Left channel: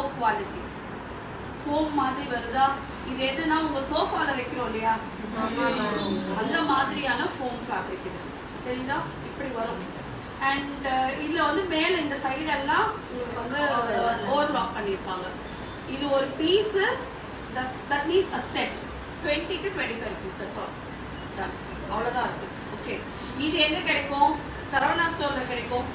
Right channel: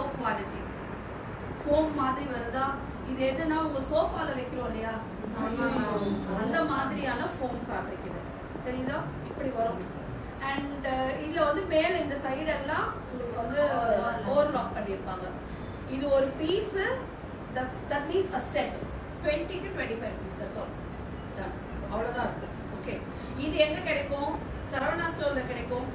low quality. Foam மாதிரி வருதா? இது எதுனா உங்க சோஃபால வைக்கிறோம் இல்லையா? அந்த மாதிரியான foam fabric இது. தெரியுதா? இப்படி வரும். And இதுல வந்து மேல இந்த சைடு எல்லாம் உங்களுக்கு வந்து ஓவர்லாக் பண்ணிருப்பாங்க. இது ஒரு piece that means a set 20 to 25 rupees. That's all. Done. அவ்வளவுதான் இருக்கு. ஓகே. இது எங்க கிடைக்கும்? சரவணா ஸ்டோர்ல கிடைக்கும்.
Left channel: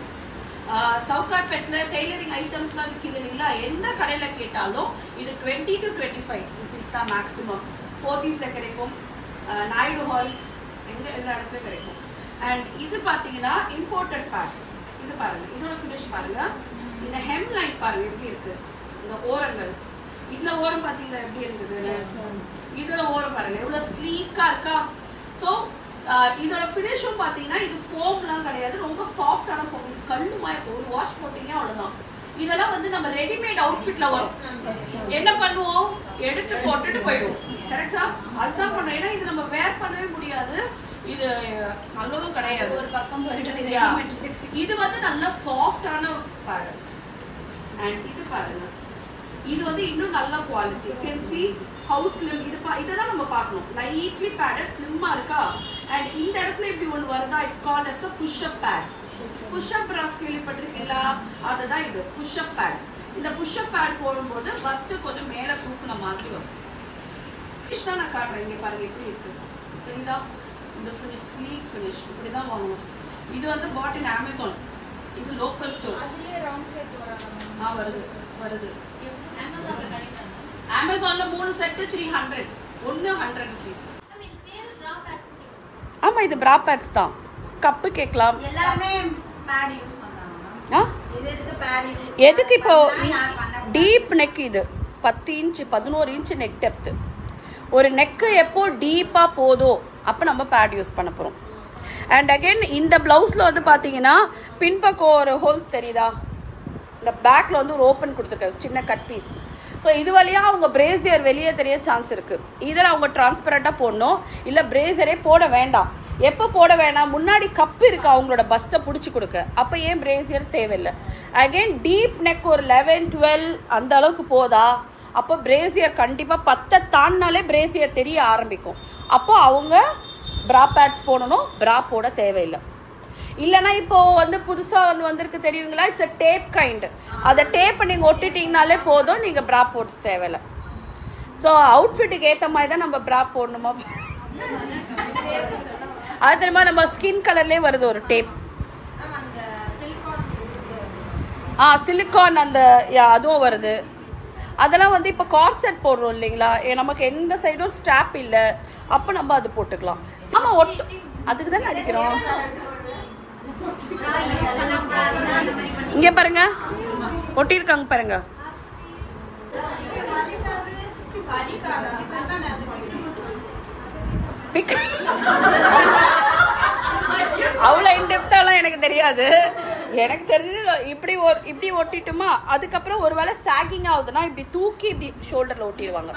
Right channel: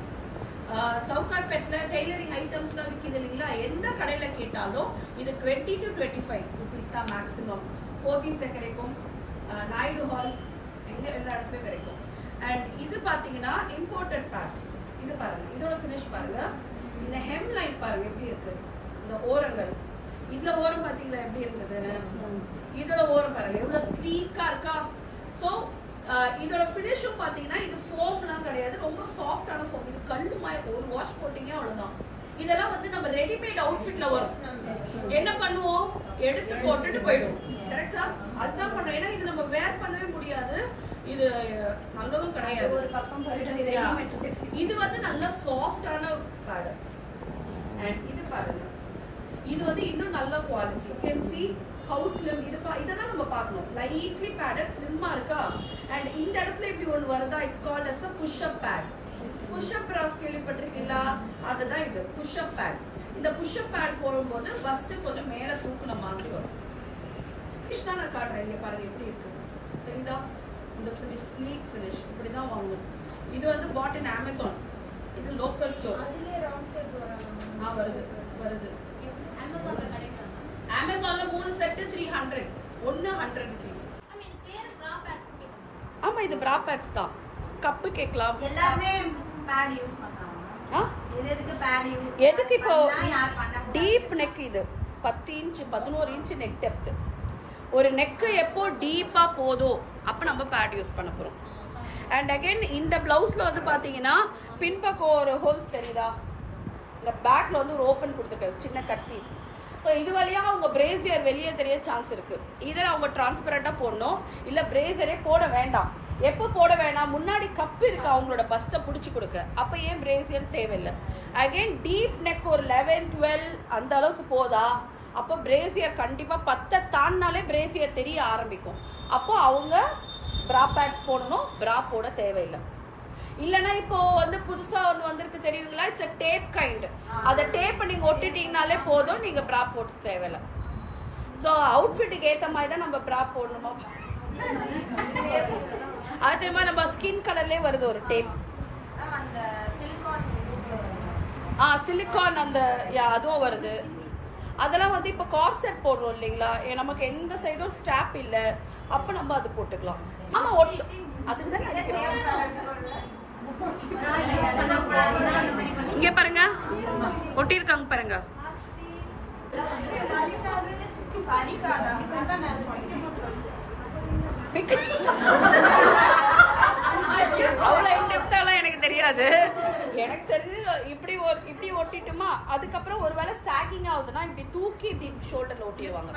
சவுகார்பேட்ல டெய்லரிங் ஐட்டம்ஸ்லாம் விற்கிது இல்லைங்களா? எந்த கடையில கேட்டாலும் இது 20 to 25 rupees தான் மேக்ஸிமம். போத்தீஸ்ல கிடைக்கும், நாயுடு ஹால், எங்க எல்லா இடத்துலயும் கிடைக்கும். அண்ட் இது பாத்தீங்கன்னா இம்போர்ட்டட் பேட்ஸ். இது பாருங்க, இதோட ஃபினிஷ் பாருங்க. இந்த ஹெம் லைன் பாருங்க எப்படி இருக்கு, இந்த ஓரங்கள். இதுல ஓரம் பாத்தீங்களா எப்படி இருக்குது? இதோட ஓரம் பாருங்க எவ்வளவு ஸ்லீக்கா இருக்கா. ஸோ இதோட ஃபினிஷும் பாத்தீங்கன்னா இது ஃபோம்லாம் கிடையாது, ரொம்ப சாஃப்டான ஃபோம். இது கல்லுமா இருக்கும், ஒரு வாஷ் போட்டீங்க அவ்வளவுதான். இதெல்லாம் வந்து நம்ம ரெடிமேட் அவுட்ஃபிட்ல வரும். என்ன பண்ணுவோம்? எடுத்து போட்டுட்டு போயிடுவோம். கரெக்டா? அதுதான் பண்ணுவோம். ஏன்னா இது நம்ம வேர் பண்ணவே முடியாது. இது நல்லதும் கிடையாது. ஒரு பக்கம் இது வந்து நல்ல சாஃப்டான பேட். அண்ட் இது பாருங்க, இது வந்து இன்னும் நல்ல quality. You can see how slim. இதெல்லாம் நம்ம பார்க்கணும். லைட்லி பேடட், ஸ்லிம்மா இருக்கா. அண்ட் இந்த இடத்துல இப்படி ஒன்று வருதா, it's called as a push up pad. push up bras கேள்விப்பட்டிருக்கீங்களா? அதுதான் இது push up pad. இந்த push up pad போடும்போது ஃபர்ஸ்ட் கொஞ்சம் மேல தூக்குன மாதிரி வரும். ஃபினிஷ் தான் நான் காட்டுறேன். இங்க பாருங்க எப்படி இருக்கு, தெரியுதா? இந்த ஃபினிஷ் ஸ்லீக் ஃபினிஷ் இப்படி தான் வாங்கணும். இது வந்து பாட் இன் அமேசான். இது லோக்கல் ஸ்டோர். அதுலயே ரவுண்ட் ஷேப் வருது. அமேசான்ல கிடைக்கும். அமேசான்ல 3 செட் 300, ஒன்னு 100 rupees. ஆமா, இது bra pads தான். கப் கேக்கலாம். எல்லாமே பேட் யூஸ் பண்றாங்க. இது எதுக்கு பேட் யூஸ்? எதுக்கு இப்போ டீப் நெக், இது 10 இன்ச் 11 இன்ச் நெக் டெப்த். ஒரு நெக் எப்போ டீப்பா போதோ அப்ப நம்ம பேட் யூஸ் பண்ண போறோம். அண்ட் அகைன் இந்த பிளவுஸ்ல வந்து பாத்தீங்கன்னா பின்பக்கம் ஒரு ஹோல்ஸ் தெரியுதா? இந்த பேக்ல வந்து ஒரு ஓப்பன் கொடுத்துருக்காங்க, சின்ன கட் பீஸ். ஸோ இது வழியா அவங்க பிரேசியர் வெளியே தெரிய சான்ஸ் இருக்கு. இதில் அவங்க டிரான்ஸ்பரண்டா போடணும், இல்லை பிரேசரே போட வேண்டாம். எப்போ போட வேணாம்? முன்னாடி கப் இருக்கு அவங்களோட பஸ்ட்டை பிடிச்சி கொடுக்க, அப்போ ஏன் பிரேசியர் தேவையில்லை. அகைன் டீப் நெக் ஒரு 11, 12 அந்த அளவுக்கு போதா, அப்போ பிரேசியர் கண்டிப்பாக 10 தாண்டினாலே பிரேசியர் தெரிய ஆரம்பிக்கும். அப்போ அவங்க பிரா பேட்ஸ் போடணும், பிரா போட தேவையில்லை. இல்லைன்னா இப்போ வந்து புதுசா வந்திருக்கு தெரியுங்களா, இட்ஸ் அ டேப் கைண்ட். அதை டேப் நீங்க ஒட்டிட்டீங்கனாலே போதும், நீங்க பிரா போட்டு தேவையில்லை. ஸோ அவுட்ஃபிட்டுக்கு ஏற்ற மாதிரி தான் நம்ம பிரா போடணுமா? அது தெரியுமா, நம்ம ஸ்கின் கலர்லேயே வருது ஒரு டேப். சிலிகான் அந்த அதுவும் வருது. அதெல்லாம் வந்து இப்போ கார்செட் போடுறோம் இல்லைங்களா, நமக்கு எந்த சைடும் ஸ்ட்ராப் இல்லை, அப்போ நம்ம அது போட்டுக்கலாம். ஆமா, அதுக்கு தான் அடிக்கிறோம். இங்க பாருங்க, ஒட்டி இருக்காங்க பாருங்க. அவ்வளவு இன்டெப்தாலாம் எனக்கு தெரியாது. எனக்கு தெரிஞ்சது இப்படி ஒட்டிட்டுமா, அதுக்கப்புறம் ஒருவேளை சாகிங் ஆகுதுன்னா இப்படி தூக்கி இப்படி ஷோல்டர்ல ஒட்டிடுவாங்க.